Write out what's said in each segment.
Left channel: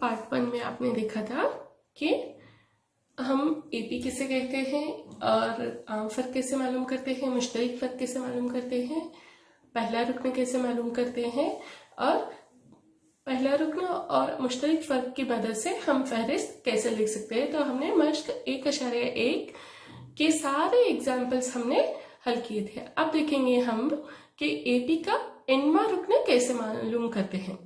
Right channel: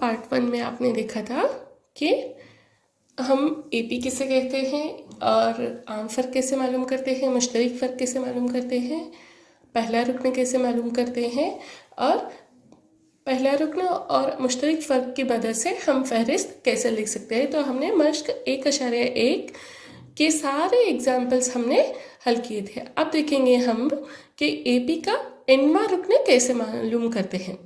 Part 1 में आपने देखा था कि हम एपी किसे कहते हैं और आम फ़र्क कैसे मालूम करते हैं, मुश्तरक फ़र्क कैसे मालूम करते हैं, पहला रुकन कैसे मालूम करते हैं और पहला रुकन और मुश्तरक फ़र्क की मदद से हम फहरिस्त कैसे लिख सकते हैं। तो हमने मश्क 1.1 के सारे एग्जाम्पल्स हमने हल किए थे। अब देखेंगे हम कि एपी का एनवा रुकन कैसे मालूम करते हैं।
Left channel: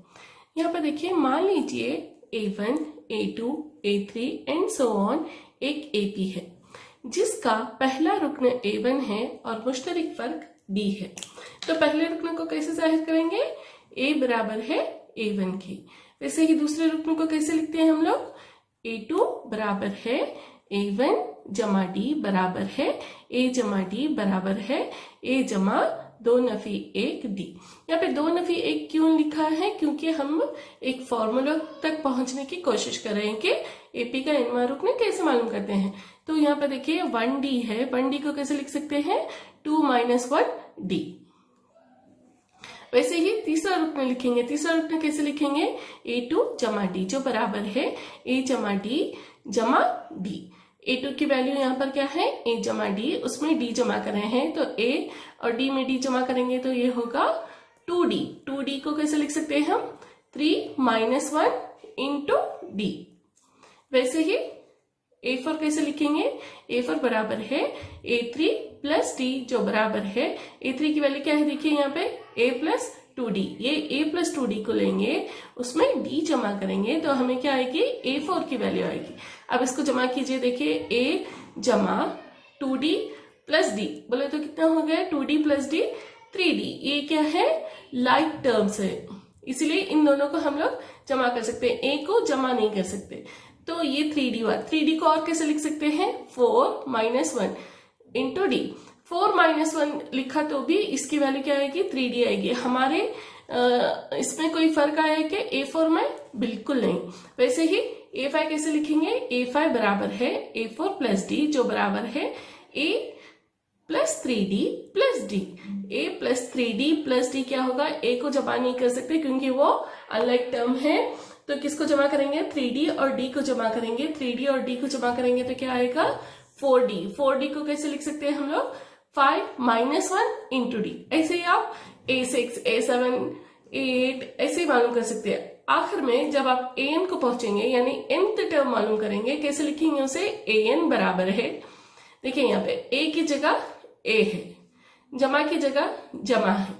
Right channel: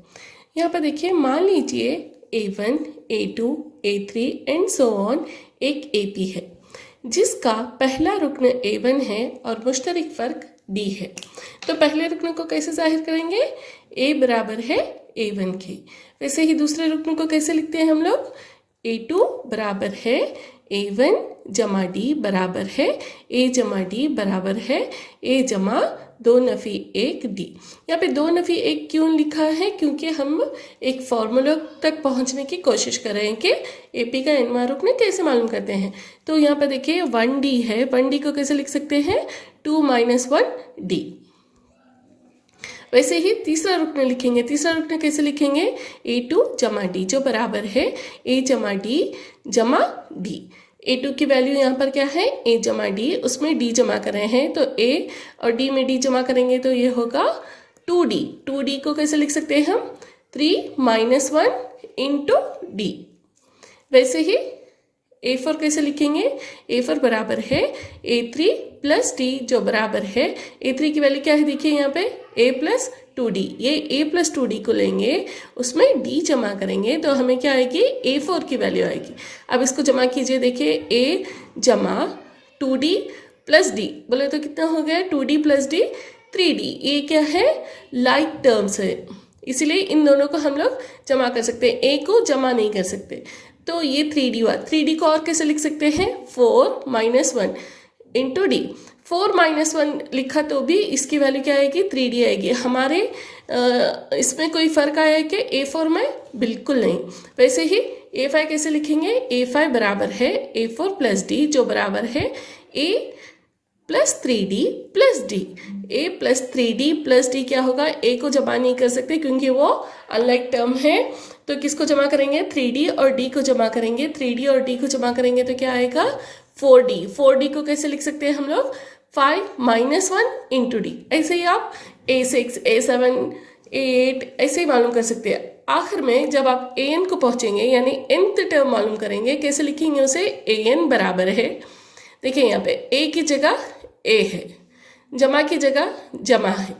यहाँ पर देखिए, मान लीजिए A1, A2, A3 and so on एक एपी है जिसका पहला रुकन A1 है और मुश्तरक फ़र्क D है। तो पहले रुकन को कैसे जाहिर करेंगे? A बराबर है A1 की। वैसे ही दूसरे रुकन को कैसे लिखते हैं हम लोग? A2 बराबर है A1 जमा D बराबर है A जमा D बराबर है A जमा 2-1 D। यहाँ पे 2-1 क्यों लिखा है? क्योंकि हम एक फॉर्मूला तक पहुँचने की कोशिश कर रहे हैं कि एपी का एनवा रुकन कैसे मालूम करते हैं। तो यहाँ पर देखिए 1D है, 1D को कैसे लिख सकते हैं? 2 - 1D। वैसे ही तीसरा रुकन लिखेंगे। तीसरा रुकन कैसे लिखेंगे? A2 जमा D जो बराबर है A जमा D जमा D। A2 की वैल्यू यहाँ पर क्या है? A जमा D, उसमें D जमा कर रहे हैं तो A और D में D जमा करेंगे तो ये होगा 2D। 2D को कैसे लिख सकते हैं हम? 3 - 1 इंटू D। वैसे ही A4 कैसे लिखेंगे? A4 बराबर है A3 प्लस D जो बराबर है A3 की वैल्यू क्या है? देखिए यहाँ पे A प्लस 2D। ये A प्लस 2D को लेंगे, उसमें D जमा करेंगे तो हमें क्या आएगी? A4 की वैल्यू आएगी। अब इसको जमा कीजिए, देखिए A जमा 2D प्लस D बोले तो कितना हो गया? 2D plus D 3D। ये क्या है? लाइक टर्म्स है, इसीलिए इन दोनों को हम लोग जमा कर सकते हैं, A को जमा नहीं कर सकते। तो ये 3D हुआ। 3D को और कैसे लिख सकते हैं? 4 - 1 इंटू D। 4 - 1 लिखा तो भी इसकी वैल्यू क्या आएगी? 3D आएगी। हमारे इसमें कोई फ़र्क आया है कि A4 में? बिल्कुल नहीं। वैसे ही A5 कैसे लिखेंगे? A5 बराबर है A4 प्लस D जो बराबर है A plus 3D plus D। A plus 3D plus D क्या होगा? A को जमा नहीं कर सकते क्योंकि वो अनलाइक टर्म है, तो किसको जमा करेंगे? 3D और D को जमा करेंगे। 3D और D को जमा करेंगे तो क्या आएगा? 4D। 4D को कैसे लिख सकते हैं हम लोग? 5 - 1 इंटू D। ऐसे ही आप A6, A7, A8 ऐसे ही मालूम कर सकते हैं। आखिर में जब आप AN को पहुंचेंगे यानी nth टर्म मालूम करेंगे, कैसे लिखेंगे उसे? AN बराबर है, देखिए यहाँ पे A की जगह A है, जमा की जगह जमा है,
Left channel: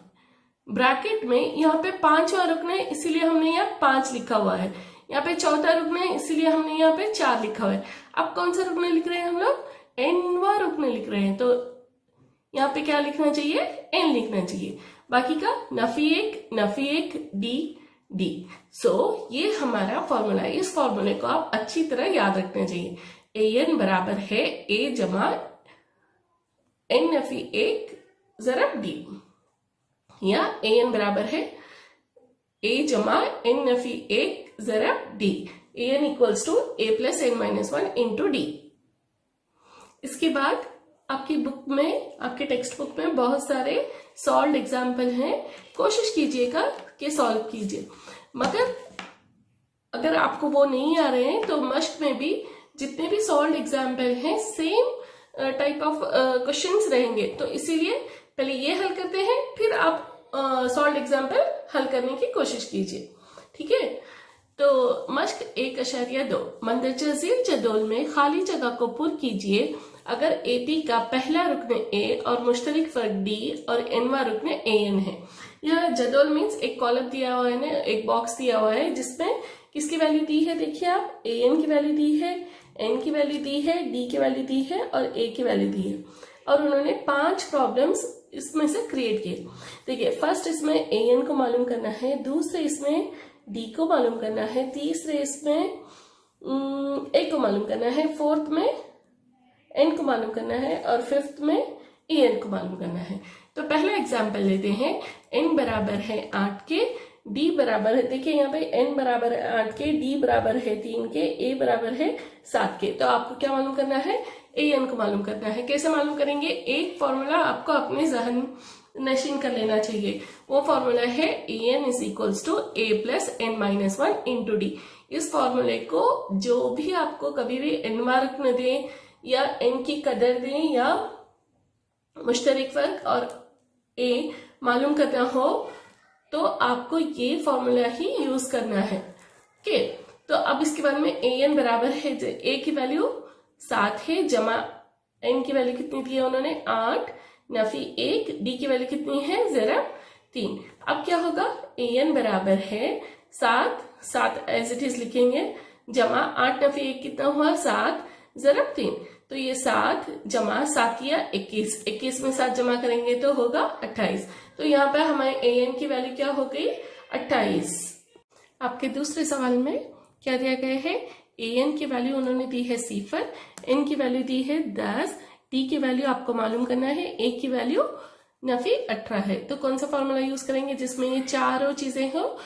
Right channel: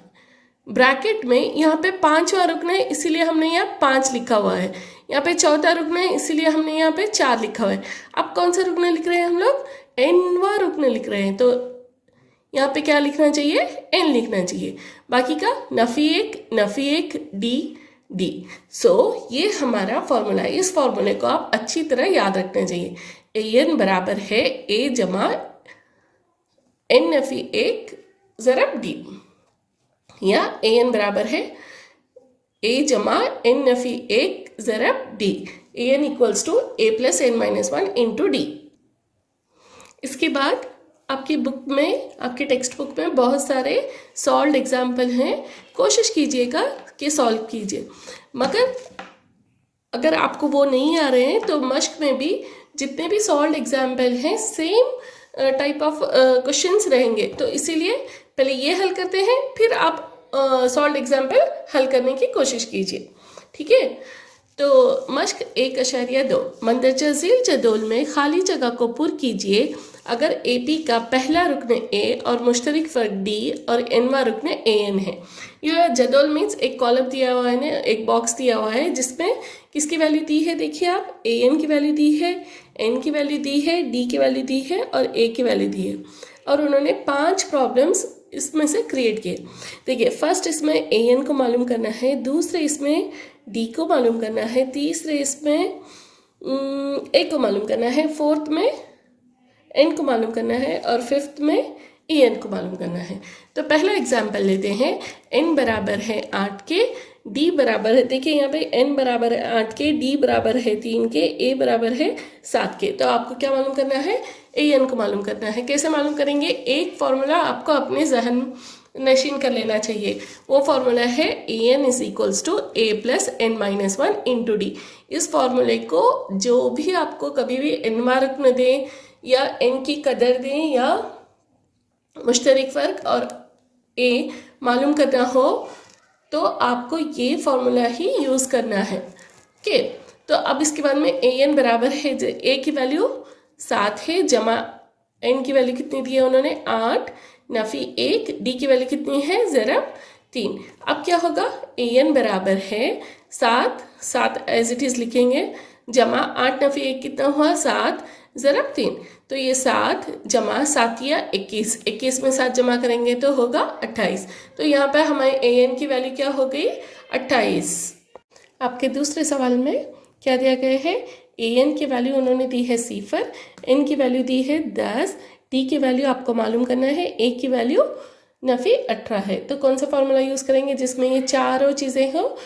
ब्रैकेट में यहाँ पे 5वां रुकन है इसीलिए हमने यहाँ 5 लिखा हुआ है, यहाँ पे चौथा रुकन है इसीलिए हमने यहाँ पे 4 लिखा हुआ है। अब कौन सा रुकन लिख रहे हैं हम लोग? nवां रुकन लिख रहे हैं, तो यहाँ पे क्या लिखना चाहिए? n लिखना चाहिए। बाकी का नफी एक D D। सो ये हमारा फॉर्मूला है। इस फॉर्मूले को आप अच्छी तरह याद रखना चाहिए। AN बराबर है A जमा n नफी 1 ज़रब D, या AN बराबर है A जमा n नफी 1 ज़रब D। AN equals to A plus n - 1 into D। इसके बाद आपकी बुक में, आपके टेक्स्ट बुक में बहुत सारे सॉल्व्ड एग्जाम्पल हैं, कोशिश कीजिएगा कि सॉल्व कीजिए। मगर अगर आपको वो नहीं आ रहे हैं तो मश्क में भी जितने भी सॉल्व्ड एग्जाम्पल हैं सेम टाइप ऑफ क्वेश्चंस रहेंगे, तो इसीलिए पहले ये हल करते हैं फिर आप सॉल्व्ड एग्जाम्पल हल करने की कोशिश कीजिए, ठीक है। तो मश्क 1.2 मंदरजा झील जदोल में खाली जगह को पुर कीजिए अगर एपी का पहला रुकन A और मुश्तरक फ़र्क D और nवां रुकन AN है। यह जदोल मीन्स एक कॉलम दिया हुआ है ना, एक बॉक्स दिया हुआ है जिसमें किसकी वैल्यू दी है? देखिए आप, AN की वैल्यू दी है, N की वैल्यू दी है, D की वैल्यू दी है और A की वैल्यू दी है, और उन्होंने 5 प्रॉब्लम्स इसमें से क्रिएट किए। देखिए, फर्स्ट इसमें AN को मालूम करना है, दूसरे इसमें D को मालूम करना है, तीसरे इसमें A को मालूम करना है, फोर्थ में N को मालूम करना है और फिफ्थ में AN को मालूम करना है। तो पहला एग्जाम्पल लेते हैं। N बराबर है 8 के, D बराबर है, देखिए यहाँ पे N बराबर है 8 के, D बराबर है 3 के, A बराबर है 7 के। तो आपको क्या मालूम करना है? AN को मालूम करना है। कैसे मालूम करेंगे? एक फॉर्मूला आपको अपने जहन नशीन कर लेना चाहिए। वो फॉर्मूला है an is equals to a plus n minus one into D. इस फॉर्मूले को जो भी आपको कभी भी n मार्क न दें या n की कदर दें या मुश्तरक फ़र्क और a मालूम करना हो तो आपको ये फॉर्मूला ही यूज़ करना है। ओके, तो अब इसके बाद में an बराबर है a की वैल्यू 7 है जमा n की वैल्यू कितनी दी है उन्होंने 8 नफी 1, डी की वैल्यू कितनी है ज़रब 3। अब क्या होगा an बराबर है 7 एज इट इज़ लिखेंगे जमा 8 नफी 1 कितना हुआ 7 ज़रब 3। तो ये 7 जमा 7 या 21 में 7 जमा करेंगे तो होगा 28। तो यहाँ पर हमारे an की वैल्यू क्या हो गई 28। आपके दूसरे सवाल में क्या दिया गया है an की वैल्यू उन्होंने दी है 0, n की वैल्यू दी है 10, d की वैल्यू आपको मालूम करना है, a की वैल्यू नफी 18 है। तो कौन सा फॉर्मूला यूज़ करेंगे जिसमें ये चारों चीज़ें हो,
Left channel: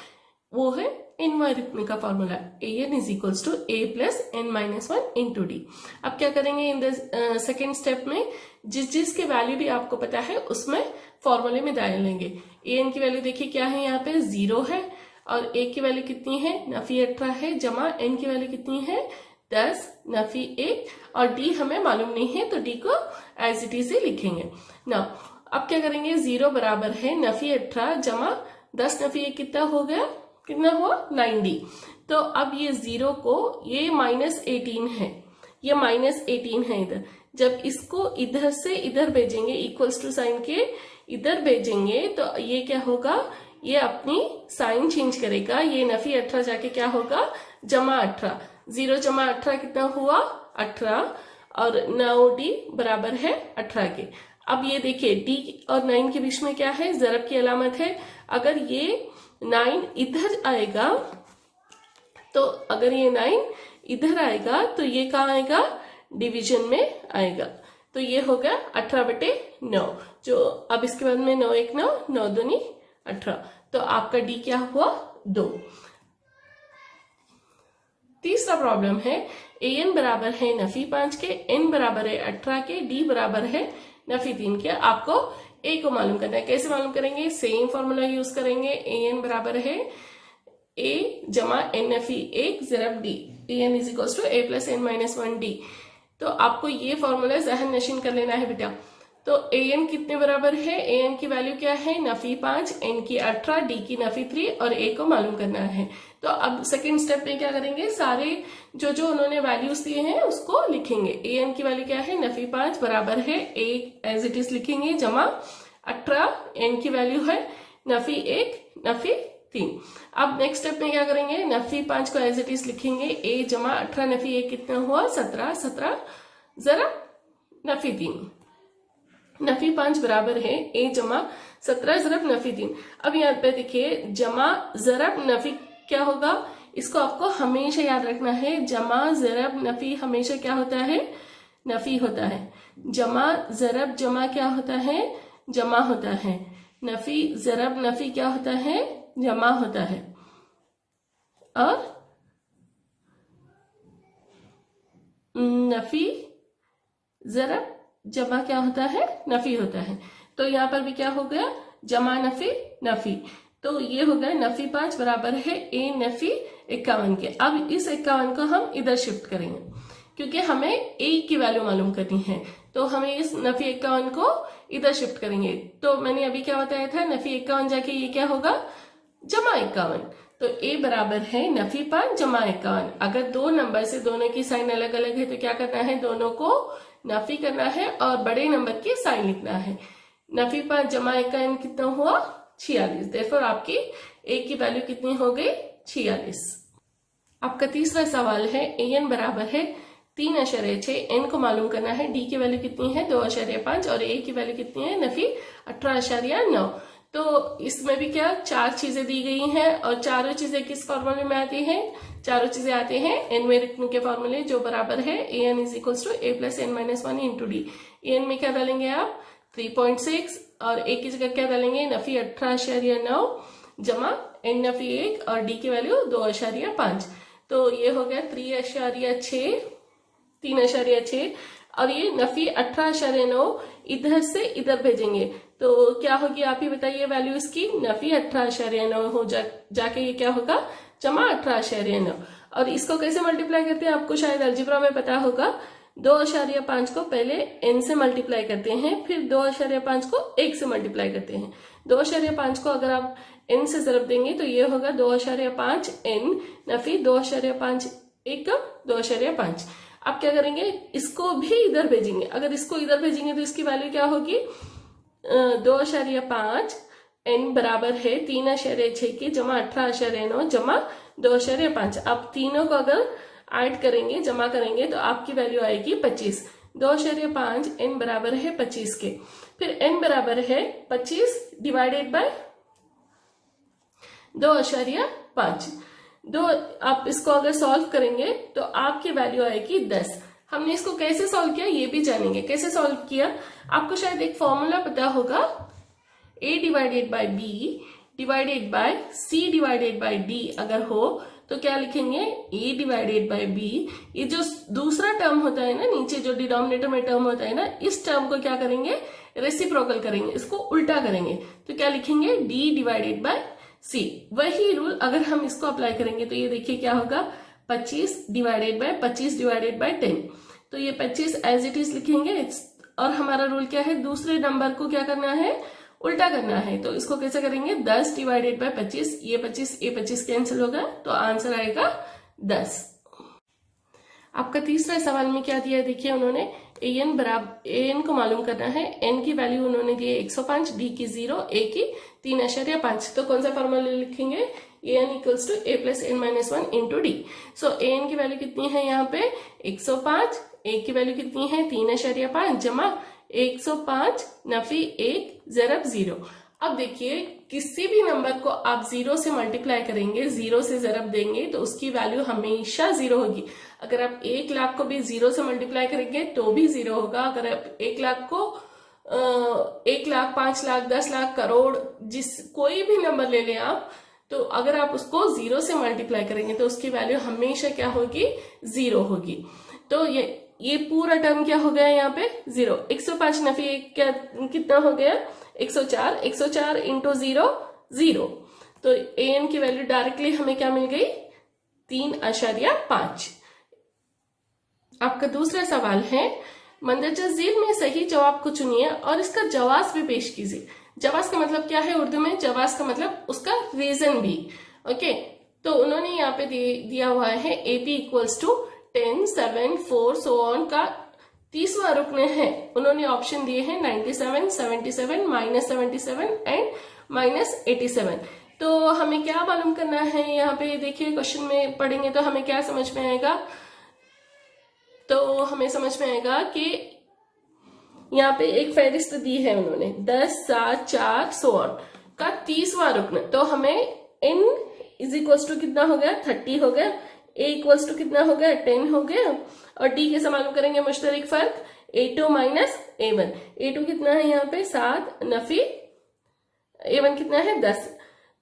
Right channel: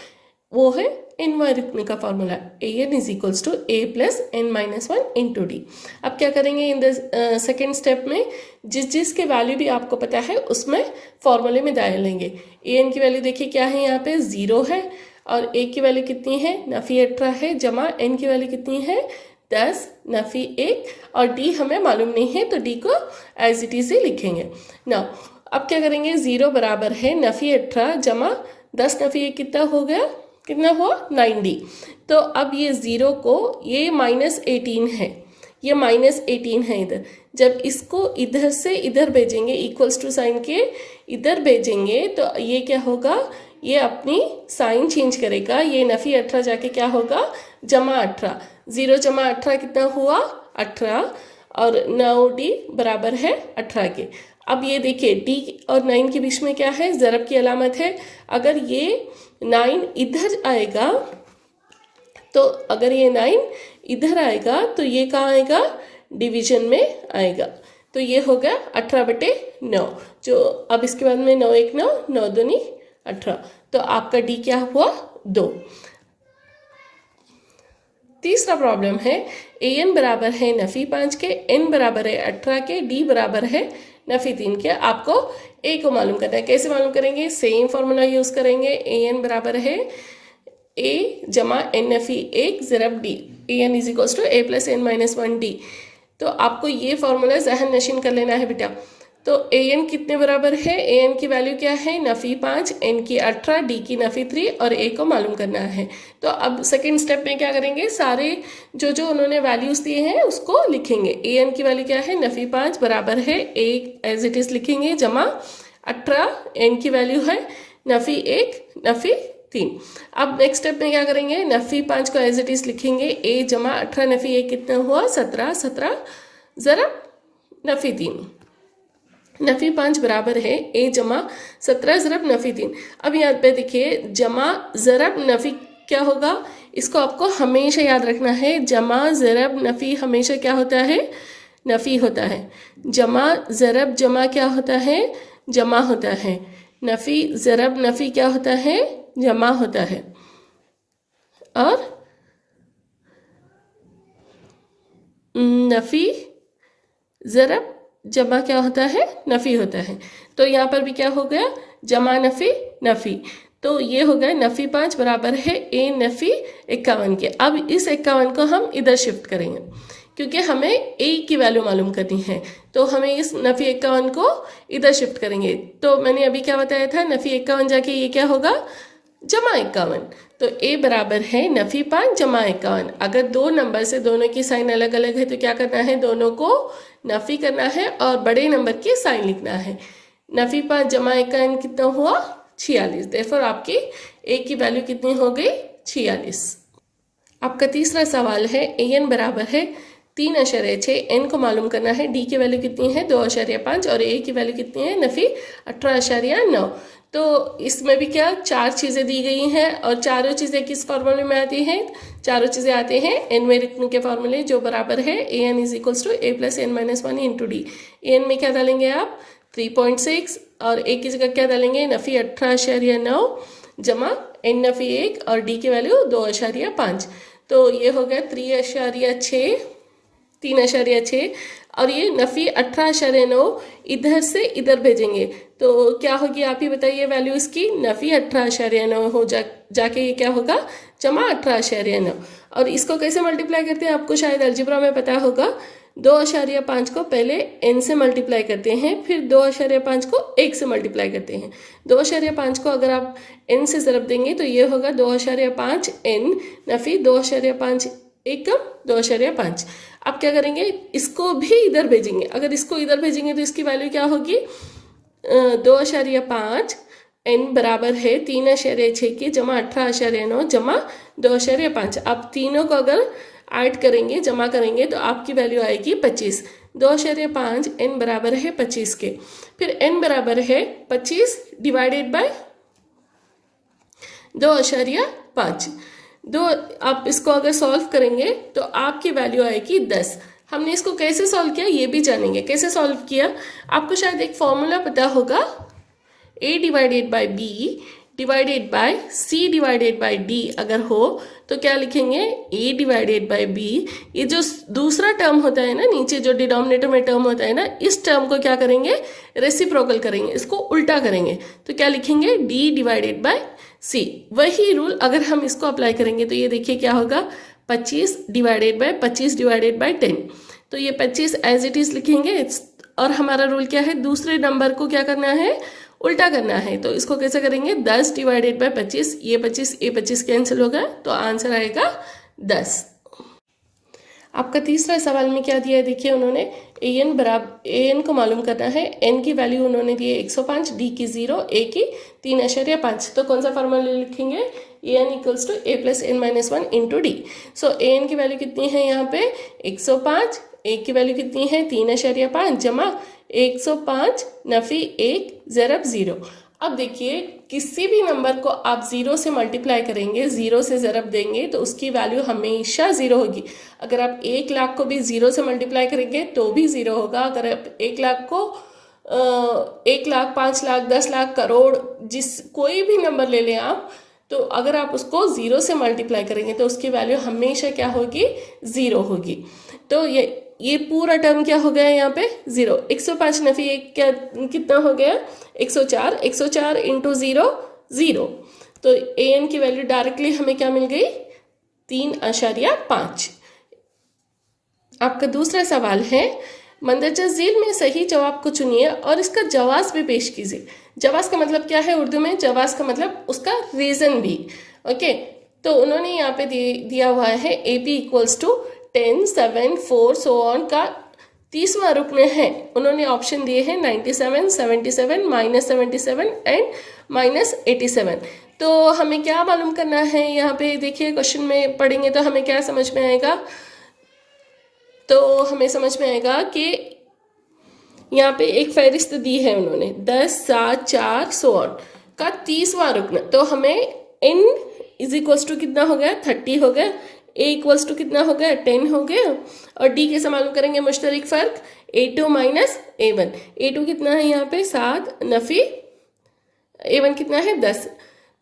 वो है इनवर्टिक का formula an is equals to a plus n minus one into D. अब क्या करेंगे इन द सेकेंड स्टेप में जिसके वैल्यू भी आपको पता है उसमें फॉर्मूले में डालेंगे। an की वैल्यू देखिए क्या है यहाँ पे 0 है और a की वैल्यू कितनी है नफी 18 है जमा n की वैल्यू कितनी है 10 नफी 1 और d हमें मालूम नहीं है तो d को एज इट इज ही लिखेंगे ना। अब क्या करेंगे 0 बराबर है नफी 18 जमा 10 नफी 1 कितना हो गया कितना हुआ 90। तो अब ये 0 को ये -18 है, ये -18 है इधर, जब इसको इधर से इधर भेजेंगे इक्वल्स टू साइन के इधर भेजेंगे तो ये क्या होगा ये अपनी साइन चेंज करेगा, ये नफी 18 जाके क्या होगा जमा 18। 0 जमा 18 कितना हुआ 18 और 9d बराबर है 18 के। अब ये देखिए d और 9 के बीच में क्या है ज़रब की अलामत है। अगर ये 9 इधर आएगा तो अगर ये 9 इधर आएगा तो ये कहाँ आएगा डिवीजन में आएगा। तो ये हो गया 18/9 जो अब इसके बाद में 9 1 9 9 दूनी 18। तो आपका डी क्या हुआ 2। तीसरा प्रॉब्लम है an बराबर है नफी 5 के, n बराबर है 18 के, d बराबर है नफी 3 के। आपको a को मालूम करना है। कैसे मालूम करेंगे सेम फॉर्मूला यूज करेंगे। an बराबर है a जमा n नफी 1 ज़रब d, an is equals to a plus n minus 1d। तो आपको ये फॉर्मूला जहन नशीन कर लेना है बेटा। तो an कितने बराबर है an की वैल्यू क्या है नफी 5, n की 18, d की नफी 3 और a को मालूम करना है। तो अब सेकंड स्टेप में क्या करेंगे सारे जो उन्होंने वैल्यूज दिए हैं उसको लिखेंगे। an की वैल्यू क्या है नफी 5 बराबर है a एज इट इज लिखेंगे जमा 18, n की वैल्यू है नफी 1 नफी 3। अब नेक्स्ट स्टेप में क्या करेंगे नफी 5 को एज इट इज लिखेंगे a जमा 18 नफी 1 कितना हुआ 17 ज़रब नफी 3। नफी 5 बराबर है a जमा 17 ज़रब नफी 3। अब यहाँ पे देखिए जमा ज़रब नफी क्या होगा, इसको आपको हमेशा याद रखना है। जमा ज़रब नफी हमेशा क्या होता है नफी होता है। जमा ज़रब जमा क्या होता है जमा होता है। नफी ज़रब नफी क्या होता है जमा होता है। और नफी ज़रब जमा क्या होता है नफी होता है। तो यहाँ पर भी क्या हो गया जमा नफी नफी। तो ये हो गया नफी 5 बराबर है a नफी 51 के। अब इस 51 को हम इधर शिफ्ट करेंगे क्योंकि हमें a की वैल्यू मालूम करनी है। तो हमें इस नफी 51 को इधर शिफ्ट करेंगे। तो मैंने अभी क्या बताया था नफी 51 जाके ये क्या होगा जमा 51। तो a बराबर है नफी 5 जमा 51। अगर दो नंबर से दोनों की साइन अलग अलग है तो क्या करना है दोनों को नफी करना है और बड़े नंबर की साइन लिखना है। नफी 5 जमा 51 कितना हुआ 46। देयरफॉर आपकी a की वैल्यू कितनी हो गई 46। आपका तीसरा सवाल है an बराबर है 3.6, n को मालूम करना है, d की वैल्यू कितनी है 2.5 और a की वैल्यू कितनी है नफी 18.9। तो इसमें भी क्या चार चीज़ें दी गई हैं और चारों चीज़ें किस फॉर्मूले में आती हैं चारों चीज़ें आते हैं एनवेरिथम के फॉर्मूले जो बराबर है an is equals to a plus n minus 1 into D. an में क्या डालेंगे आप 3.6 और a की जगह क्या डालेंगे नफी 18.9 जमा n नफी 1 और d की वैल्यू 2.5। तो ये हो गया 3.6। और ये नफ़ी 18.9 इधर से इधर भेजेंगे तो क्या होगी, आप ही बताइए वैल्यू इसकी। नफ़ी 18.9 हो जाके ये क्या होगा, जमा 18.9। और इसको कैसे मल्टीप्लाई करते हैं आपको शायद अलजेब्रा में पता होगा। 2.5 को पहले n से मल्टीप्लाई करते हैं, फिर 2.5 को 1 से मल्टीप्लाई करते हैं। 2.5 को अगर आप n से ज़रब देंगे तो ये होगा 2.5 n नफ़ी 2.5 एकम 2.5। आप क्या करेंगे, इसको भी इधर भेजेंगे। अगर इसको इधर भेजेंगे तो इसकी वैल्यू क्या होगी, 2.5 n बराबर है 3.6 के जमा 18.9 जमा 2.5। आप तीनों को अगर ऐड करेंगे, जमा करेंगे तो आपकी वैल्यू आएगी 25। 2.5 n बराबर है 25 के। फिर n बराबर है 25 डिवाइडेड बाय 2.5। आप इसको अगर सॉल्व करेंगे तो आपकी वैल्यू आएगी 10। हमने इसको कैसे सॉल्व किया ये भी जानेंगे। कैसे सॉल्व किया, आपको शायद एक फॉर्मूला पता होगा, a divided by b divided by c divided by d अगर हो तो क्या लिखेंगे, a डिवाइडेड बाय b। ये जो दूसरा टर्म होता है ना, नीचे जो डिनोमिनेटर में टर्म होता है ना, इस टर्म को क्या करेंगे, रेसिप्रोकल करेंगे, इसको उल्टा करेंगे तो क्या लिखेंगे, d डिवाइडेड बाय c। वही रूल अगर हम इसको अप्लाई करेंगे तो ये देखिए क्या होगा, 25 डिवाइडेड बाय 25 डिवाइडेड बाय 10। तो ये 25 एज इट इज लिखेंगे और हमारा रूल क्या है, दूसरे नंबर को क्या करना है, उल्टा करना है। तो इसको कैसे करेंगे, 10 डिवाइडेड बाय 25, ये 25 कैंसिल होगा तो आंसर आएगा 10। आपका तीसरा सवाल में क्या दिया है, देखिए उन्होंने an को मालूम करना है। n की वैल्यू उन्होंने दी है 105, d की 0, a की 3.5। तो कौन सा फॉर्मूला लिखेंगे, an equals to a plus n minus 1 into D. So an की वैल्यू कितनी है यहाँ पे 105, a की वैल्यू कितनी है 3.5 जमा 105 नफी 1 ज़रब 0। अब देखिए किसी भी नंबर को आप 0 से मल्टीप्लाई करेंगे, 0 से ज़रब देंगे तो उसकी वैल्यू हमेशा 0 होगी। अगर आप 1 लाख को भी 0 से मल्टीप्लाई करेंगे तो भी 0 होगा। अगर आप 1 लाख को 1 लाख, 5 लाख, 10 लाख, करोड़, कोई भी नंबर ले लें आप, तो अगर आप उसको 0 से मल्टीप्लाई करेंगे तो उसकी वैल्यू हमेशा क्या होगी, 0 होगी। तो ये पूरा टर्म क्या हो गया यहाँ पे 0। 105 नफी 1 क्या कितना हो गया 104, 104 इंटू 0 0। तो an की वैल्यू डायरेक्टली हमें क्या मिल गई 3.5। आपका दूसरा सवाल है, मंदरजा झील में सही जवाब को चुनिए और इसका जवाब भी पेश कीजिए। जवाब का मतलब क्या है उर्दू में, जवाब का मतलब उसका रीजन भी। ओके, तो उन्होंने यहाँ पे दिया हुआ है AP equals to 10, 7, 4 so on का 30वां रुकन है। उन्होंने ऑप्शन दिए हैं 97, 77, -77 एंड -87। तो हमें क्या मालूम करना है यहाँ पे, देखिए क्वेश्चन में पढ़ेंगे तो हमें क्या समझ में आएगा, तो हमें समझ में आएगा कि यहाँ पे एक फहरिस्त दी है उन्होंने 10, 7, 4 सो ऑन का 30वां रुकन। तो हमें n इज इक्वल्स टू कितना हो गया 30 हो गया, a इक्वल्स टू कितना हो गया 10 हो गया, और d कैसे मालूम करेंगे, मुश्तरक फ़र्क a2 माइनस a1। a2 कितना है यहाँ पे 7 नफ़ी a1 कितना है 10।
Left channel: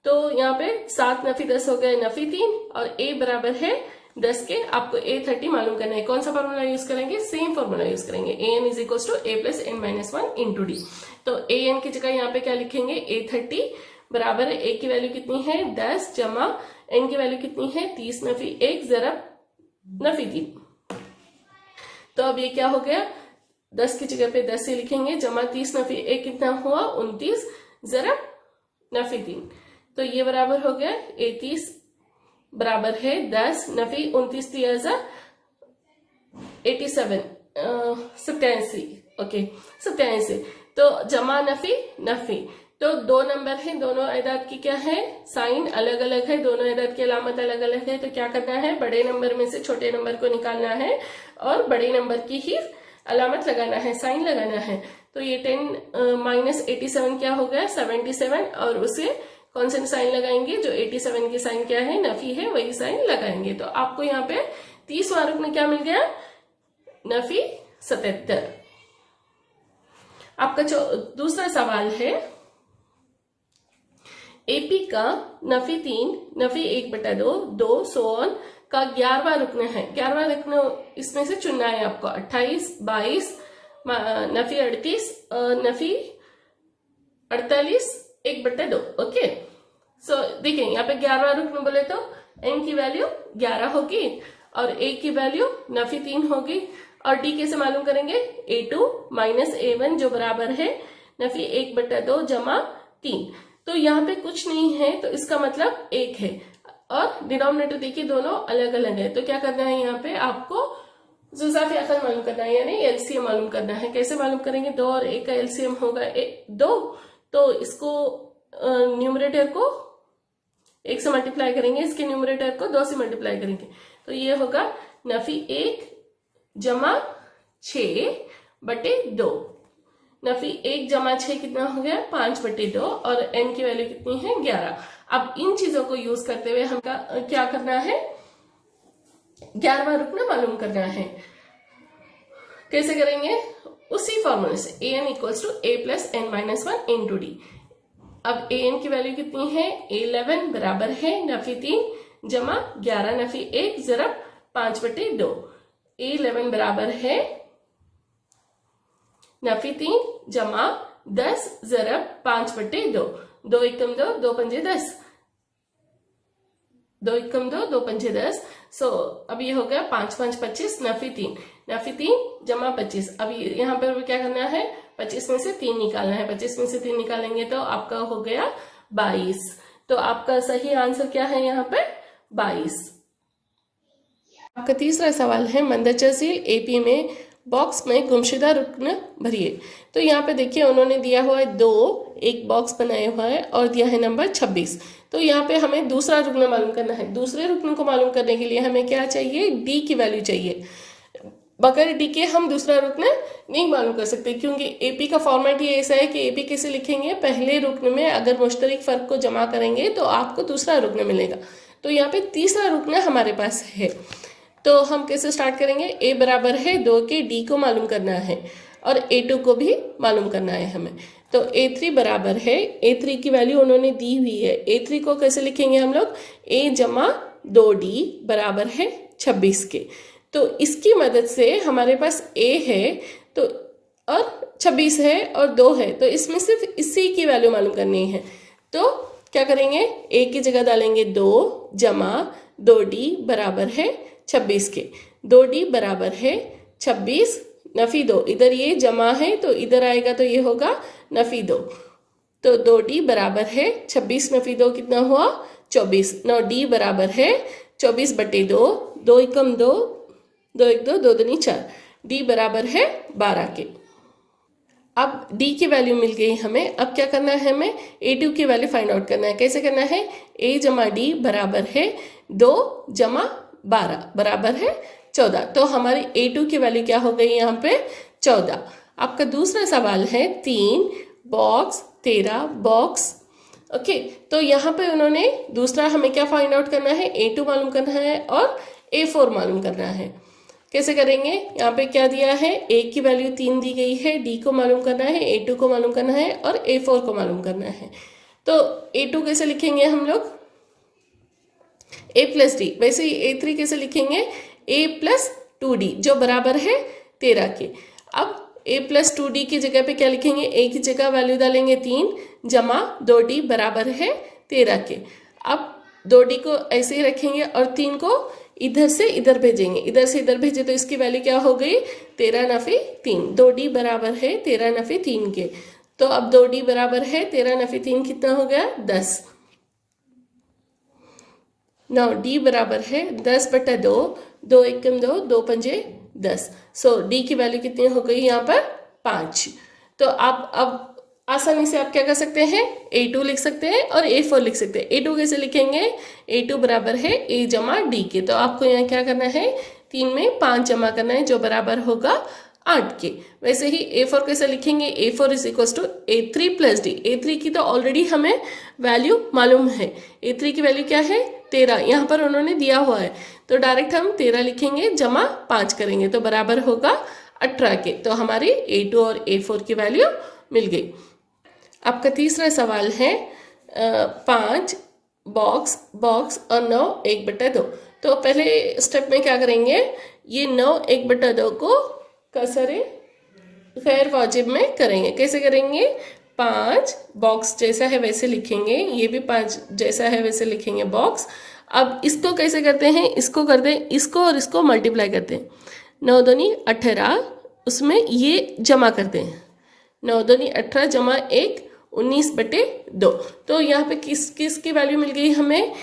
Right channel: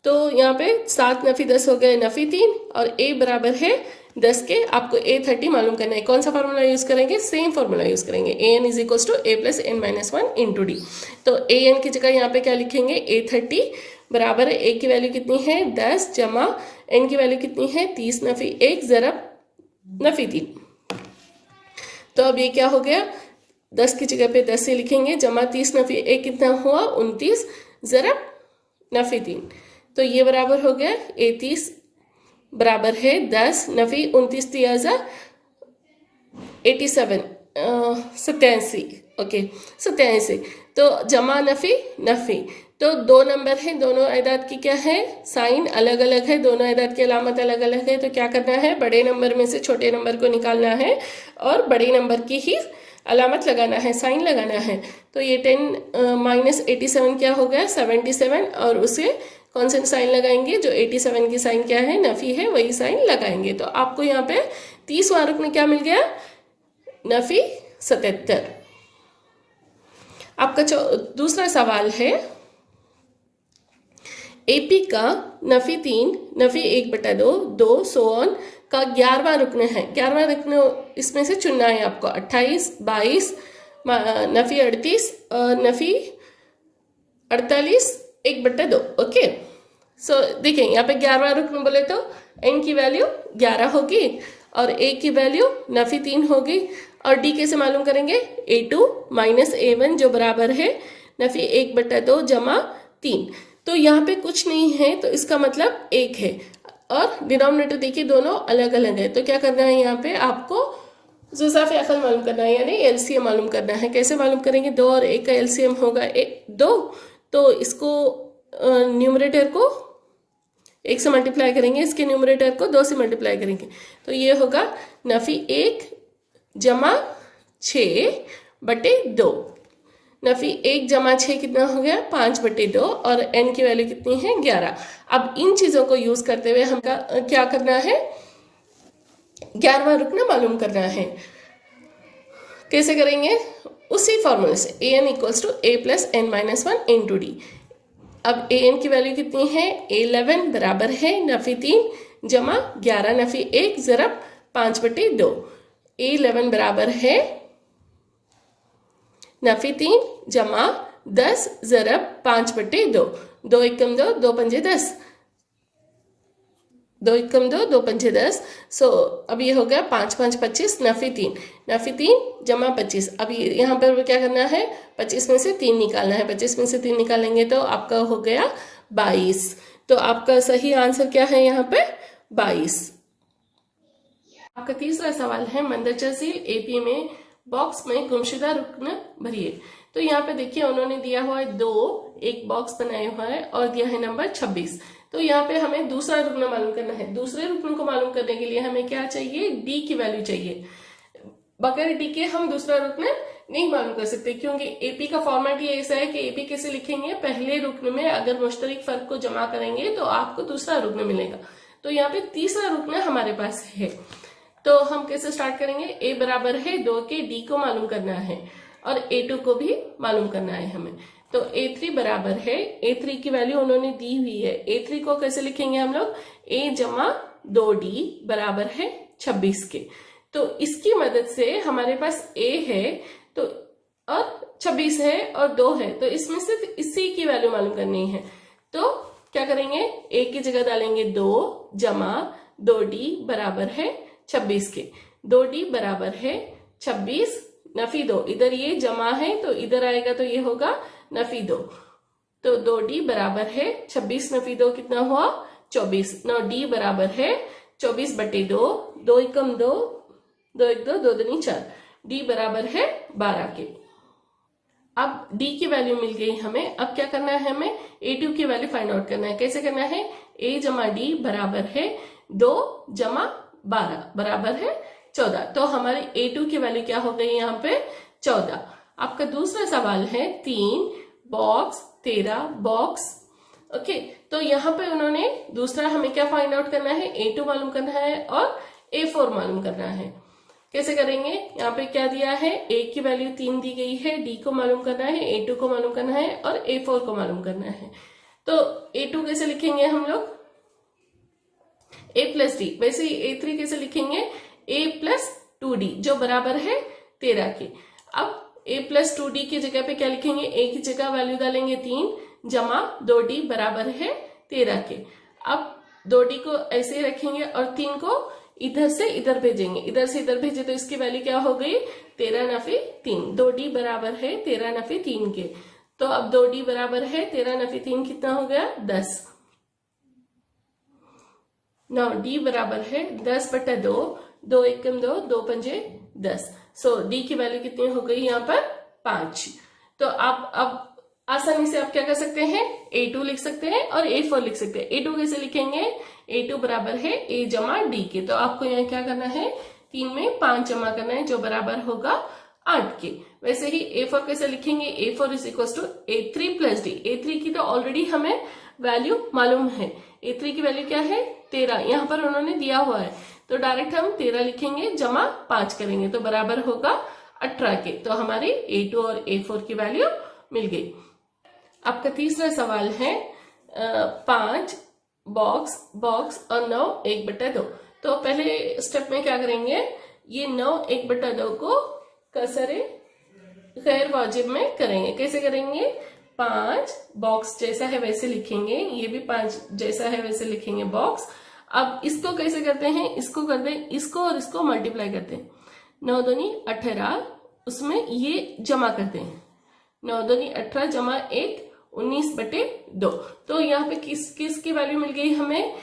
तो यहाँ पे 7 नफ़ी 10 हो गए नफ़ी 3, और a बराबर है 10 के। आपको a30 मालूम करना है। कौन सा फॉर्मूला यूज़ करेंगे, सेम फॉर्मूला यूज़ करेंगे, an is equals to a plus n minus 1 into D. तो an की जगह यहाँ पे क्या लिखेंगे a30 बराबर है a की वैल्यू कितनी है 10 जमा n की वैल्यू कितनी है 30 नफ़ी 1 ज़रब नफ़ी 3। तो अब ये क्या हो गया, 10 की जगह पे 10 से लिखेंगे, जमा 30 नफ़ी 1 कितना हुआ 29 ज़रब नफ़ी 3। तो ये बराबर हो गया 30 बराबर है 10 नफ़ी 29 दिया जा 87 87। ओके 87। तो जमा नफ़ी नफ़ी, तो दो नंबर है, दोनों आयदाद की क्या है साइन अलग अलग है, दोनों आयदाद की अलामत अलग अलग है। तो क्या करना है, बड़े नंबर में से छोटे नंबर को निकालना है और बड़े नंबर की ही अलामत लगाना है, साइन लगाना है। तो ये 10 माइनस 87 क्या हो गया 77, और उसे कौन सा साइन लगाएंगे, जो 87 की साइन क्या है नफ़ी है वही साइन लगाएंगे। तो आपको यहाँ पे 30वां रुकन क्या मिल गया नफ़ी 77। आपका दूसरा सवाल है, AP का नफ़ी 3 नफ़ी 1/2 2 सो ऑन का 11वां रुकन है। 11वां रुकन इसमें से चुनना है आपको। 28, 22, नफी 38 और नफी 48, 1/2। ओके, सो देखिए यहाँ पे 11वां रुकन बोले तो n की वैल्यू 11 होगी और a की वैल्यू नफी 3 होगी। और d कैसे मालूम करेंगे? a2 माइनस a1 जो बराबर है नफी 1/2 जमा 3। तो यहाँ पे कुछ नहीं है तो इसका मतलब 1 है और डिनोमिनेटर देखिए दोनों अलग अलग है। तो क्या करना है यहाँ पे आपको जुज़ाफ़े अक़ल मालूम करना है, यानी एलसीएम मालूम करना है। कैसे मालूम करेंगे? 2 और 1 का एलसीएम होगा 2, तो इसको न्यूमरेटर को 1 से मल्टीप्लाई करेंगे, इसके न्यूमरेटर को 2 से मल्टीप्लाई करेंगे, तो ये होगा नफी 1 जमा 6/2। नफी 1 जमा 6 कितना हो गया? 5/2 और n की वैल्यू कितनी है? 11। अब इन चीज़ों को यूज़ करते हुए हम क्या करना है? 11वां रुकना मालूम करना है। कैसे करेंगे? उसी फॉर्मूले से an = a + n-1 × d। अब an की वैल्यू कितनी है? 11 बराबर है नफी 3 जमा 11 नफी 1 ज़रब 5/2। 11 बराबर है नफी 3 जमा 10 ज़रब 5/2। 2 एकम 2, 2 पंजे 10, 2 एकम 2, 2 पंजे 10। सो अब ये हो गया 5 5 25 नफी 3 जमा 25। अब यहाँ पर क्या करना है? 25 में से 3 निकालना है। 25 में से 3 निकालेंगे तो आपका हो गया 22। तो आपका सही आंसर क्या है यहाँ पे? 22। आपका तीसरा सवाल है मंदचर झील एपी में बॉक्स में गुमशुदा रुकन भरिए। तो यहाँ पे देखिए उन्होंने दिया हुआ है 2, एक बॉक्स बनाया हुआ है और दिया है नंबर 26। तो यहाँ पे हमें दूसरा रुकन मालूम करना है। दूसरे रुकन को मालूम करने के लिए हमें क्या चाहिए? डी की वैल्यू चाहिए। बगैर डी के हम दूसरा रुकन नहीं मालूम कर सकते, क्योंकि एपी का फॉर्मेट ये ऐसा है कि एपी कैसे लिखेंगे? पहले रुकन में अगर मुश्तरक फ़र्क को जमा करेंगे तो आपको दूसरा रुकन मिलेगा। तो यहाँ पे तीसरा रुकन हमारे पास है। तो हम कैसे स्टार्ट करेंगे? a बराबर है 2 के, d को मालूम करना है और a2 को भी मालूम करना है हमें। तो a3 बराबर है, a3 की वैल्यू उन्होंने दी हुई है। a3 को कैसे लिखेंगे हम लोग? a जमा 2d बराबर है 26 के। तो इसकी मदद से हमारे पास a है तो और 26 है और 2 है, तो इसमें सिर्फ इसी की वैल्यू मालूम करनी है। तो क्या करेंगे? a की जगह डालेंगे 2 जमा 2d बराबर है 26 के। 2d बराबर है 26 नफी 2, इधर ये जमा है तो इधर आएगा तो ये होगा नफी 2। तो 2d बराबर है 26 नफी 2 कितना हुआ? 24। नौ d बराबर है 24/2, 2 एकम 2, 2 1 2, 2 दूनी 4, d बराबर है 12 के। अब d की वैल्यू मिल गई हमें। अब क्या करना है? हमें a2 की वैल्यू फाइंड आउट करना है। कैसे करना है? a जमा d बराबर है 2 जमा 12 बराबर है 14। तो हमारी a2 की वैल्यू क्या हो गई यहाँ पे? 14। आपका दूसरा सवाल है 3 बॉक्स 13 बॉक्स। ओके, तो यहाँ पे उन्होंने दूसरा हमें क्या फाइंड आउट करना है? a2 मालूम करना है और a4 मालूम करना है। कैसे करेंगे? यहाँ पे क्या दिया है? a की वैल्यू 3 दी गई है, d को मालूम करना है, a2 को मालूम करना है और a4 को मालूम करना है। तो a2 कैसे लिखेंगे हम लोग? a + d। वैसे ही a3 कैसे लिखेंगे? a + 2d जो बराबर है 13 के। अब a + 2d की जगह पे क्या लिखेंगे? a की जगह वैल्यू डालेंगे 3 जमा 2d बराबर है 13 के। अब 2d को ऐसे ही रखेंगे और 3 को इधर से इधर भेजेंगे। इधर से इधर भेजे तो इसकी वैल्यू क्या हो गई? 13 नफी 3। 2d बराबर है 13 नफी 3 के। तो अब 2d बराबर है 13 नफी 3 कितना हो गया? 10। नाउ d बराबर है 10/2, 2 एकम 2, 2 पंजे 10। सो d की वैल्यू कितनी हो गई यहाँ पर? 5। तो आप अब आसानी से आप क्या कर सकते हैं? a2 लिख सकते हैं और a4 लिख सकते हैं। a2 कैसे लिखेंगे? a2 बराबर है a जमा d के। तो आपको यहाँ क्या करना है? 3 में 5 जमा करना है जो बराबर होगा 8 के। वैसे ही a4 कैसे लिखेंगे? a4 = a3 + d। a3 की तो ऑलरेडी हमें वैल्यू मालूम है। a3 की वैल्यू क्या है? 13। यहाँ पर उन्होंने दिया हुआ है तो डायरेक्ट हम 13 लिखेंगे जमा 5 करेंगे तो बराबर होगा 18 के। तो हमारी a2 और a4 की वैल्यू मिल गई। आपका तीसरा सवाल है 5 बॉक्स और 9 1/2। तो पहले स्टेप में क्या करेंगे, ये 9 1/2 को कसरे गैर वाजिब में करेंगे। कैसे करेंगे, 5 बॉक्स जैसा है वैसे लिखेंगे, ये भी 5 जैसा है वैसे लिखेंगे बॉक्स। अब इसको कैसे करते हैं, इसको करते हैं, इसको और इसको मल्टीप्लाई करते हैं। 9 दूनी 18, उसमें ये जमा करते हैं, 9 दूनी 18 जमा 1 19/2। तो यहाँ पे किस किस की वैल्यू मिल गई हमें,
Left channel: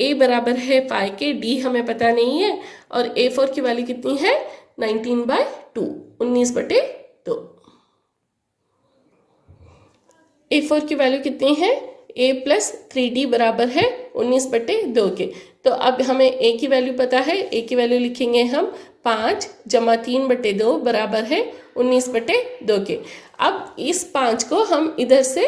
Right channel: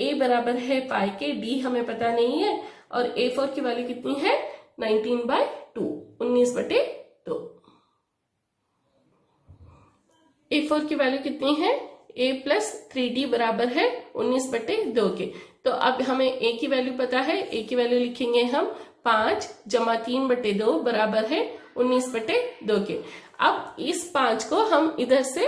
a बराबर है 5 के, d हमें पता नहीं है, और a4 की वैल्यू कितनी है 19/2, 19/2। a4 की वैल्यू कितनी है, a + 3d बराबर है 19/2 के। तो अब हमें a की वैल्यू पता है, a की वैल्यू लिखेंगे हम 5 जमा 3/2 बराबर है 19/2 के। अब इस 5 को हम इधर से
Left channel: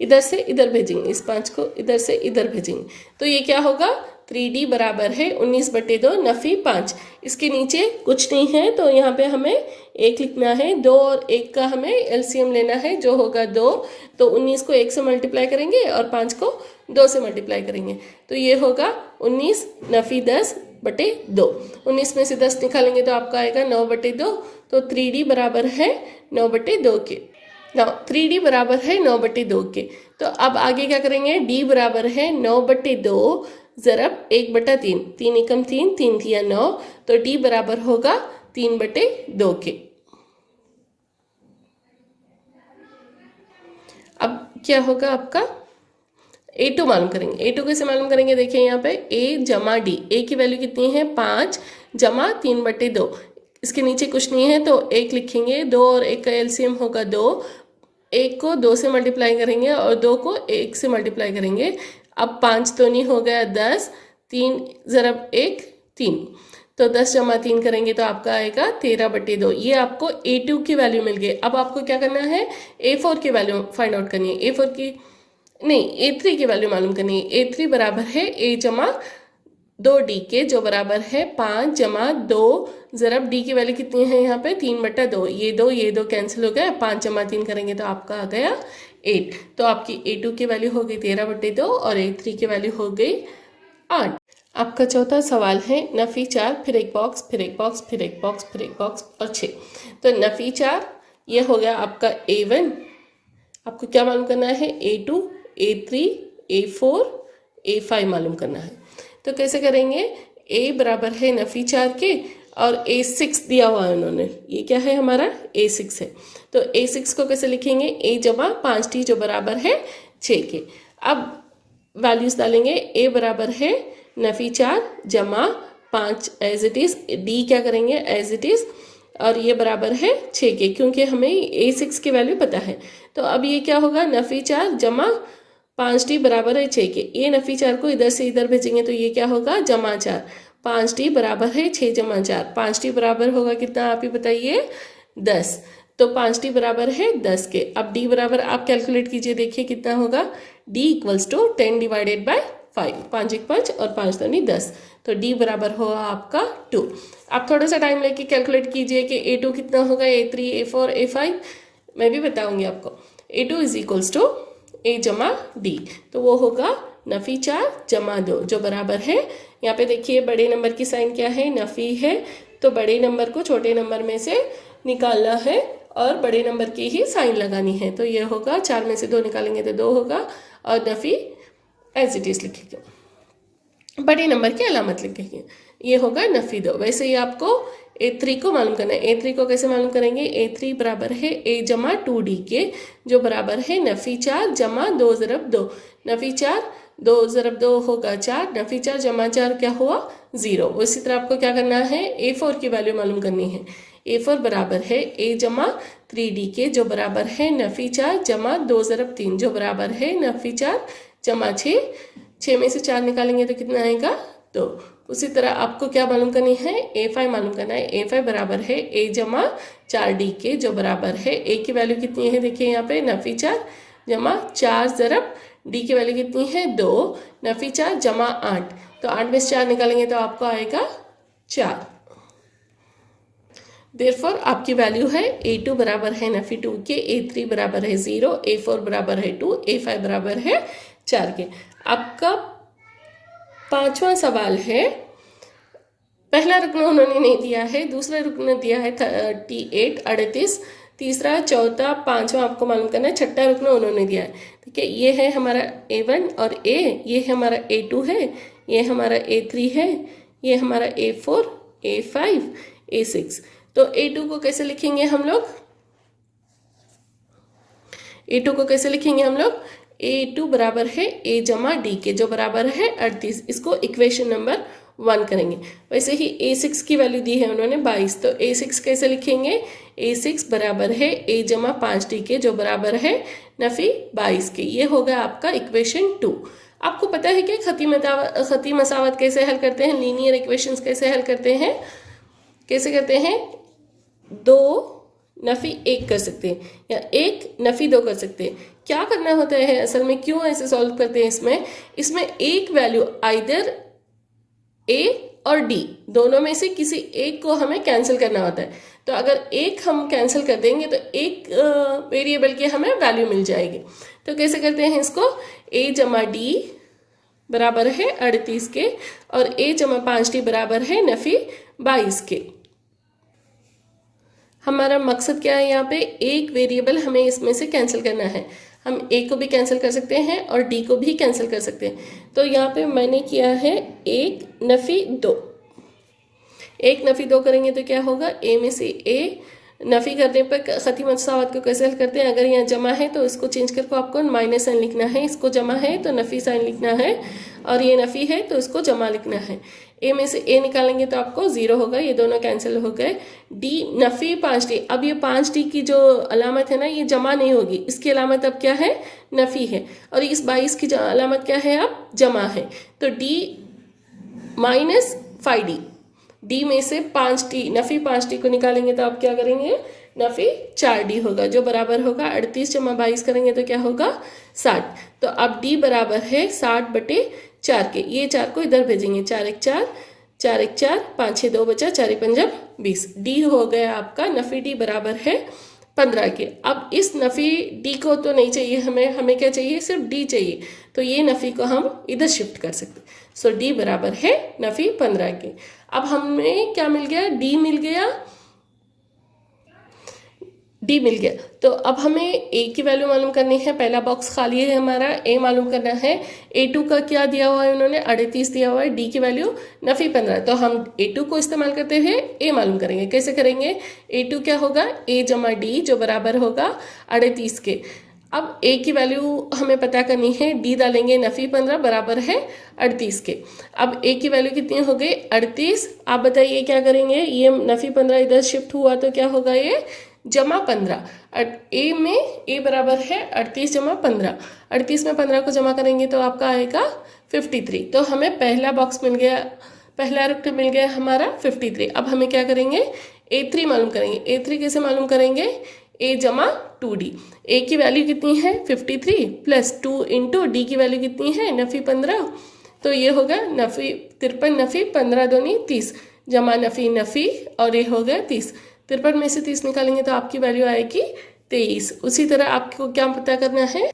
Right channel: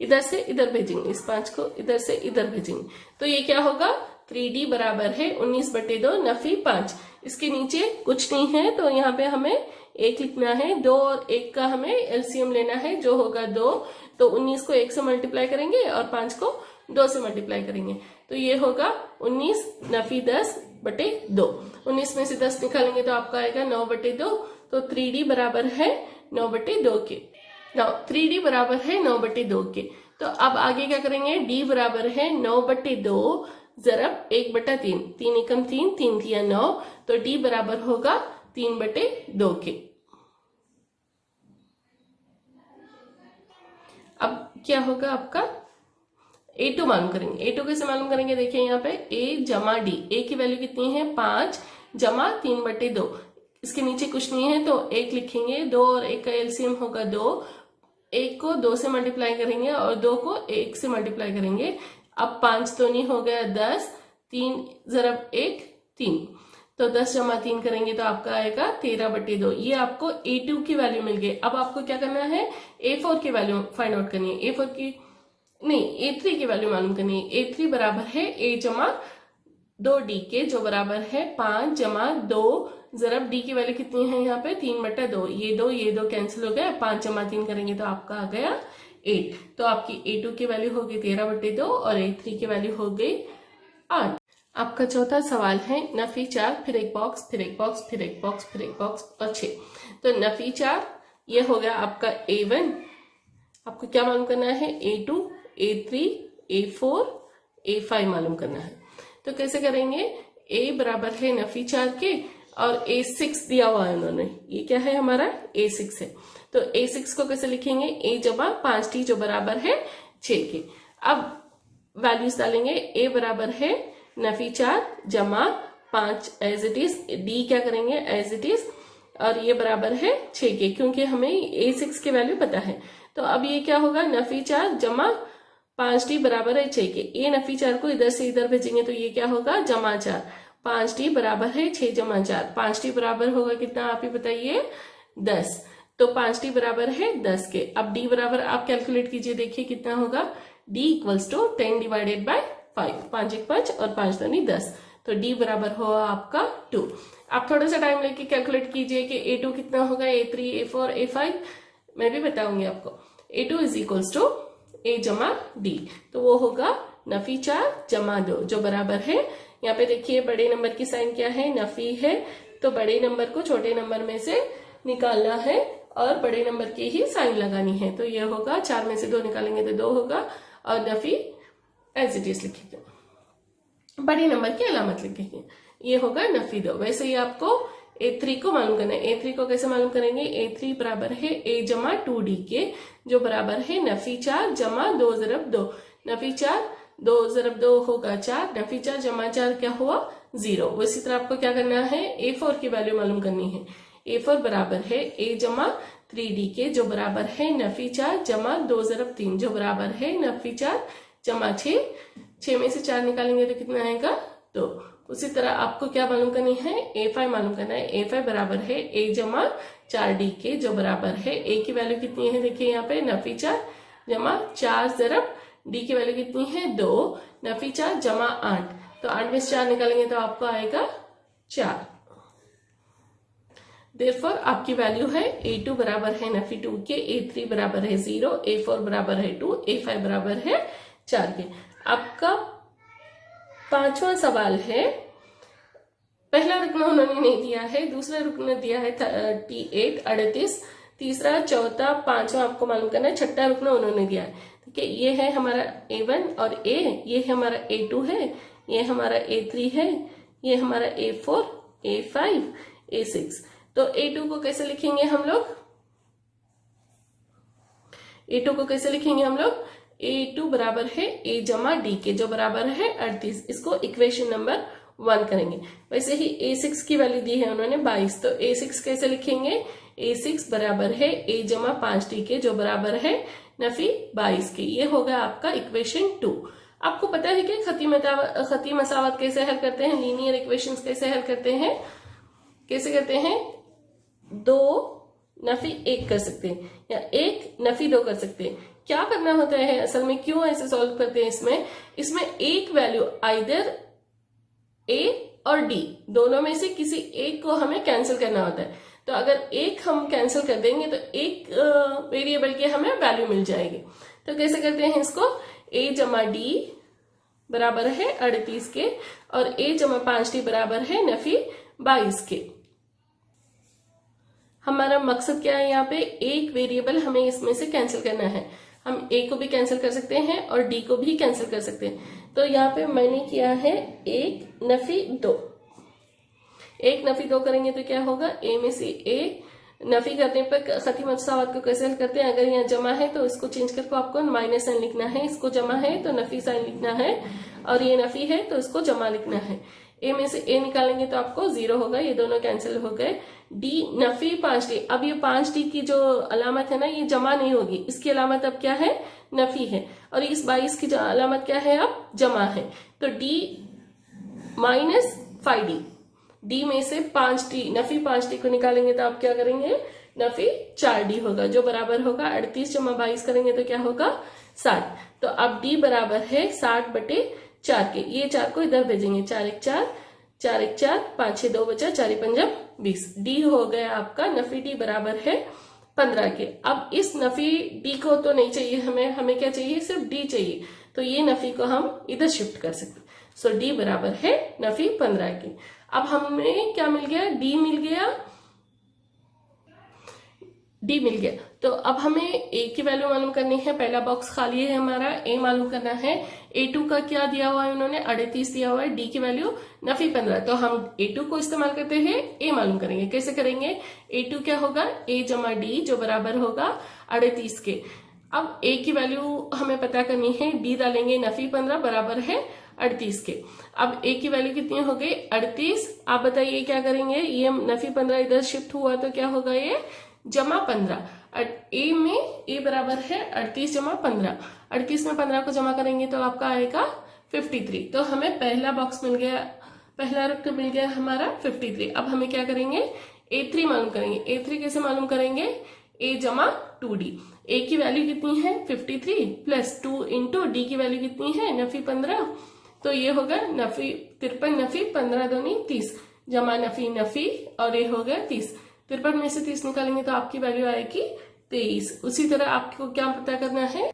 इधर भेजेंगे, इस 5 को इधर से इधर भेजेंगे, तो ये क्या होगा, 3d बराबर है 19/2 नफी 5। इसके नीचे कुछ नहीं है तो यहाँ पे हमें 1 लिखना है, 2 और 1 का हमें एलसीएम लेना है जो होगा 2। तो 19 को 1 से मल्टीप्लाई करेंगे और 5 को 2 से मल्टीप्लाई करेंगे, तो ये होगा 19 नफी 10/2। 19 में से 10 निकालेंगे तो आपका आएगा 9/2। तो 3d बराबर है 9/2 के, 3d बराबर है 9/2 के। तो अब आगे क्या करेंगे, d बराबर है 9/2 ज़रब 1/3, 3 एकम 3, 3 तिया 9, तो d बराबर होगा 3/2 के। अब क्या होगा आपका, a2 मालूम करेंगे। a2 कैसे मालूम करेंगे, देखिए यहाँ पे a जमा d, a की वैल्यू कितनी है 5 जमा 3/2, इसके नीचे कुछ नहीं है तो 1 लिखेंगे, 2 और 1 का एलसीएम होगा 2, 1 को 2 से मल्टीप्लाई करेंगे और 2 को 1 से मल्टीप्लाई करेंगे। अब 5 तो नहीं हो गया 10, 3 ज़रब 1 3, तो 10 जमा 3 करेंगे तो आपका आएगा 13/2। ये आपको a2 की वैल्यू मिल गई। अब आपको क्या करना है, a4 की वैल्यू फाइंड आउट करनी है, a4 की नहीं a3 की वैल्यू मालूम करनी है। a3 बराबर है a जमा 2d के, जो बराबर है 5 जमा 2 ज़रब d की वैल्यू कितनी है यहाँ पे 3/2, ये दो कैंसिल हो गया, 5 जमा 3 करेंगे तो आपका आ गया 8। तो आपकी a2 की वैल्यू हो गई 13/2 और a3 की वैल्यू हो गई 8। आपका चौथा सवाल है नफी 4, फिर एक बॉक्स, फिर एक बॉक्स, फिर एक बॉक्स, फिर एक बॉक्स और 6। तो नफी 4 ये हो गया आपका a1, आपको क्या मालूम करना है, a2 a3 a4 a5 मालूम करना है। तो कैसे करेंगे, a बराबर है नफी 4 के और a6 दिया हुआ है उन्होंने, ये क्या है हमारा a6 है। तो a6 को कैसे लिखेंगे, a जमा 5d जो बराबर है 6 के। अब वैल्यूज डालेंगे, a बराबर है नफी 4 जमा 5 एज इट इज़, d क्या करेंगे एज इट इज़, और ये बराबर है 6 के, क्योंकि हमें a6 की वैल्यू पता है। तो अब ये क्या होगा, नफी 4 जमा 5d बराबर है 6 के। ये नफी 4 को इधर से इधर भेजेंगे तो ये क्या होगा, जमा 4, 5d बराबर है 6 जमा 4, 5d बराबर होगा कितना आप ही बताइए 10। तो 5d बराबर है 10 के। अब d बराबर आप कैलकुलेट कीजिए, देखिए कितना होगा, d = 10 / 5, 5 1 5 और 5 दूनी 10, तो d बराबर होगा आपका 2। आप थोड़ा सा टाइम लेके कैलकुलेट कीजिए कि a2 कितना होगा, a3 a4 a5 मैं भी बताऊंगी आपको। a2 = a जमा d, तो वो होगा नफी 4 जमा 2 जो बराबर है, यहाँ पे देखिए बड़े नंबर की साइन क्या है, नफी है, तो बड़े नंबर को छोटे नंबर में से निकालना है और बड़े नंबर की ही साइन लगानी है। तो ये होगा 4 में से 2 निकालेंगे तो 2 होगा और नफी एज इट इज़ लिखेंगे, बड़े नंबर की अलामत लिखेंगे, ये होगा नफी 2। वैसे ही आपको a3 को मालूम करना है। a3 को कैसे मालूम करेंगे, a3 बराबर है a जमा 2d के, जो बराबर है नफी 4 जमा 2 ज़रब 2, नफी 4 2 ज़रब 2 होगा 4, नफी 4 जमा 4 क्या हुआ 0। उसी तरह आपको क्या करना है, a4 की वैल्यू मालूम करनी है। a4 बराबर है a जमा 3d के, जो बराबर है नफी 4 जमा 2 ज़रब 3, जो बराबर है नफी 4 जमा 6, 6 में से 4 निकालेंगे तो कितना आएगा 2। उसी तरह आपको क्या मालूम करनी है, a5 मालूम करना है। a5 बराबर है a जमा 4d के, जो बराबर है a की वैल्यू कितनी है, देखिए यहाँ पे नफी 4 जमा 4 ज़रब d की वैल्यू कितनी है 2, नफी 4 जमा 8, तो 8 में से 4 निकालेंगे तो आपको आएगा 4। देयरफॉर आपकी वैल्यू है a2 बराबर है नफी 2 के, a3 बराबर है 0, a4 बराबर है 2, a5 बराबर है 4 के। आपका पांचवा सवाल है, पहला रुकना उन्होंने नहीं दिया है, दूसरा रुकना दिया है 38 38, तीसरा चौथा पांचवा आपको मालूम करना है, छठा रुकना उन्होंने दिया है। ठीक है, ये है हमारा A1 और A, ये हमारा A2 है, ये हमारा A3 है, ये हमारा A4 A5 A6। तो A2 को कैसे लिखेंगे हम लोग? A2 को कैसे लिखेंगे हम लोग? A2 बराबर है A जमा D के, जो बराबर है 38। इसको इक्वेशन नंबर 1 करेंगे। वैसे ही A6 की वैल्यू दी है उन्होंने 22, तो A6 कैसे लिखेंगे? A6 बराबर है A जमा 5D के, जो बराबर है नफी 22 के। ये होगा आपका इक्वेशन 2। आपको पता है कि खती मसावत कैसे हल करते हैं, लीनियर इक्वेशंस कैसे हल करते हैं? कैसे करते हैं? 2 नफी 1 कर सकते हैं या 1 नफी 2 कर सकते हैं। क्या करना होता है असल में, क्यों ऐसे सॉल्व करते हैं? इसमें एक वैल्यू आइदर A और D दोनों में से किसी एक को हमें कैंसिल करना होता है। तो अगर एक हम कैंसिल कर देंगे तो एक वेरिएबल की हमें वैल्यू मिल जाएगी। तो कैसे करते हैं इसको? A जमा D बराबर है 38 के और A जमा 5D बराबर है नफी 22 के। हमारा मकसद क्या है? यहाँ पे एक वेरिएबल हमें इसमें से कैंसिल करना है। हम A को भी कैंसिल कर सकते हैं और D को भी कैंसिल कर सकते हैं। तो यहाँ पे मैंने किया है 1 नफी 2। 1 नफी 2 करेंगे तो क्या होगा? A में से A नफी करने पर खती मसावत को कैसे हल करते हैं? अगर यहाँ जमा है तो इसको चेंज करके आपको माइनस साइन लिखना है, इसको जमा है तो नफी साइन लिखना है, और ये नफी है तो इसको जमा लिखना है। A में से A निकालेंगे तो आपको 0 होगा, ये दोनों कैंसिल हो गए। D नफी 5D, अब ये 5D की जो अलामत है ना, ये जमा नहीं होगी, इसकी अलामत अब क्या है? नफी है। और इस 22 की अलामत क्या है? अब जमा है। तो D माइनस 5D, D में से 5D नफी 5D को निकालेंगे तो आप क्या करेंगे? नफी 4D होगा, जो बराबर होगा 38 जमा 22 करेंगे तो क्या होगा? 60। तो अब D बराबर है 60/4 के। ये 4 को इधर भेजेंगे, 4 1 4, 4 1 4, 5 6 2 बचा, 4 5 20। D हो गया आपका नफी D बराबर है 15 के। अब इस नफी D को तो नहीं चाहिए हमें क्या चाहिए? सिर्फ D चाहिए। तो ये नफी को हम इधर शिफ्ट कर सकते। सो D बराबर है नफी 15 के। अब हमें क्या मिल गया? D मिल गया, D मिल गया। तो अब हमें A की वैल्यू मालूम करनी है। पहला बॉक्स खाली है हमारा, A मालूम करना है। A2 का क्या दिया हुआ है उन्होंने? 38 दिया हुआ है। D की वैल्यू नफी 15, तो हम A2 को इस्तेमाल करते हुए A मालूम करेंगे। कैसे करेंगे? A2 क्या होगा? A जमा D, जो बराबर होगा 38 के। अब A की वैल्यू हमें पता करनी है, D डालेंगे, नफी 15 बराबर है 38 के। अब A की वैल्यू कितनी हो गई? 38। आप बताइए क्या करेंगे? ये नफी 15 इधर शिफ्ट हुआ तो क्या होगा? ये जमा 15। A में A बराबर है 38 जमा 15। 38 में 15 को जमा करेंगे तो आपका आएगा 53। तो हमें पहला बॉक्स मिल गया, पहला रुकन मिल गया हमारा 53। अब हमें क्या करेंगे? A3 मालूम करेंगे। A3 कैसे मालूम करेंगे? A जमा 2D। A की वैल्यू कितनी है? 53 प्लस 2 इंटू D की वैल्यू कितनी है? नफी 15। तो ये होगा नफी 53 नफी 15 दूनी 30 जमा नफी नफी, और ये हो गया 30। 53 में से 30 निकालेंगे तो आपकी वैल्यू आएगी 23। उसी तरह आपको क्या पता करना है?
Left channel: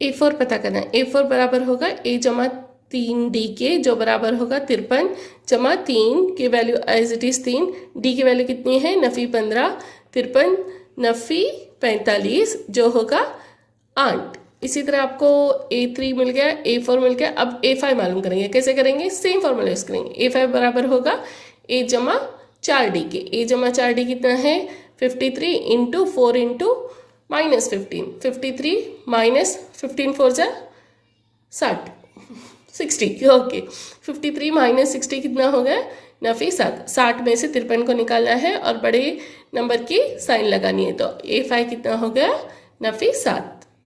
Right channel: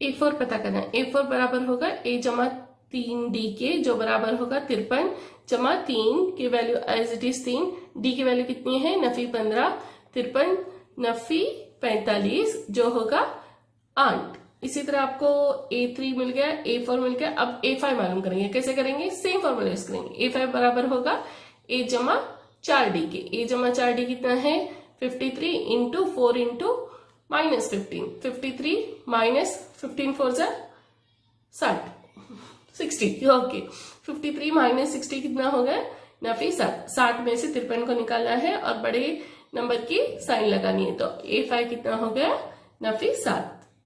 A4 पता करना है। A4 बराबर होगा A जमा 3D के, जो बराबर होगा 53 जमा 3 की value as it is 3। D की वैल्यू कितनी है? नफी 15, 53 नफी 45, जो होगा 8। इसी तरह आपको A3 मिल गया, A4 मिल गया। अब A5 मालूम करेंगे। कैसे करेंगे? सेम फॉर्मूला यूज करेंगे। A5 बराबर होगा A जमा 4D के। A जमा 4D कितना है? 53 इंटू 4 इंटू माइनस 15। 53 माइनस 15 4 जा 60 ओके। 53 माइनस 60 कितना हो गया? नफी 7। 60 में से 53 को निकालना है और बड़े नंबर की साइन लगानी है। तो A5 कितना हो गया? नफी 7।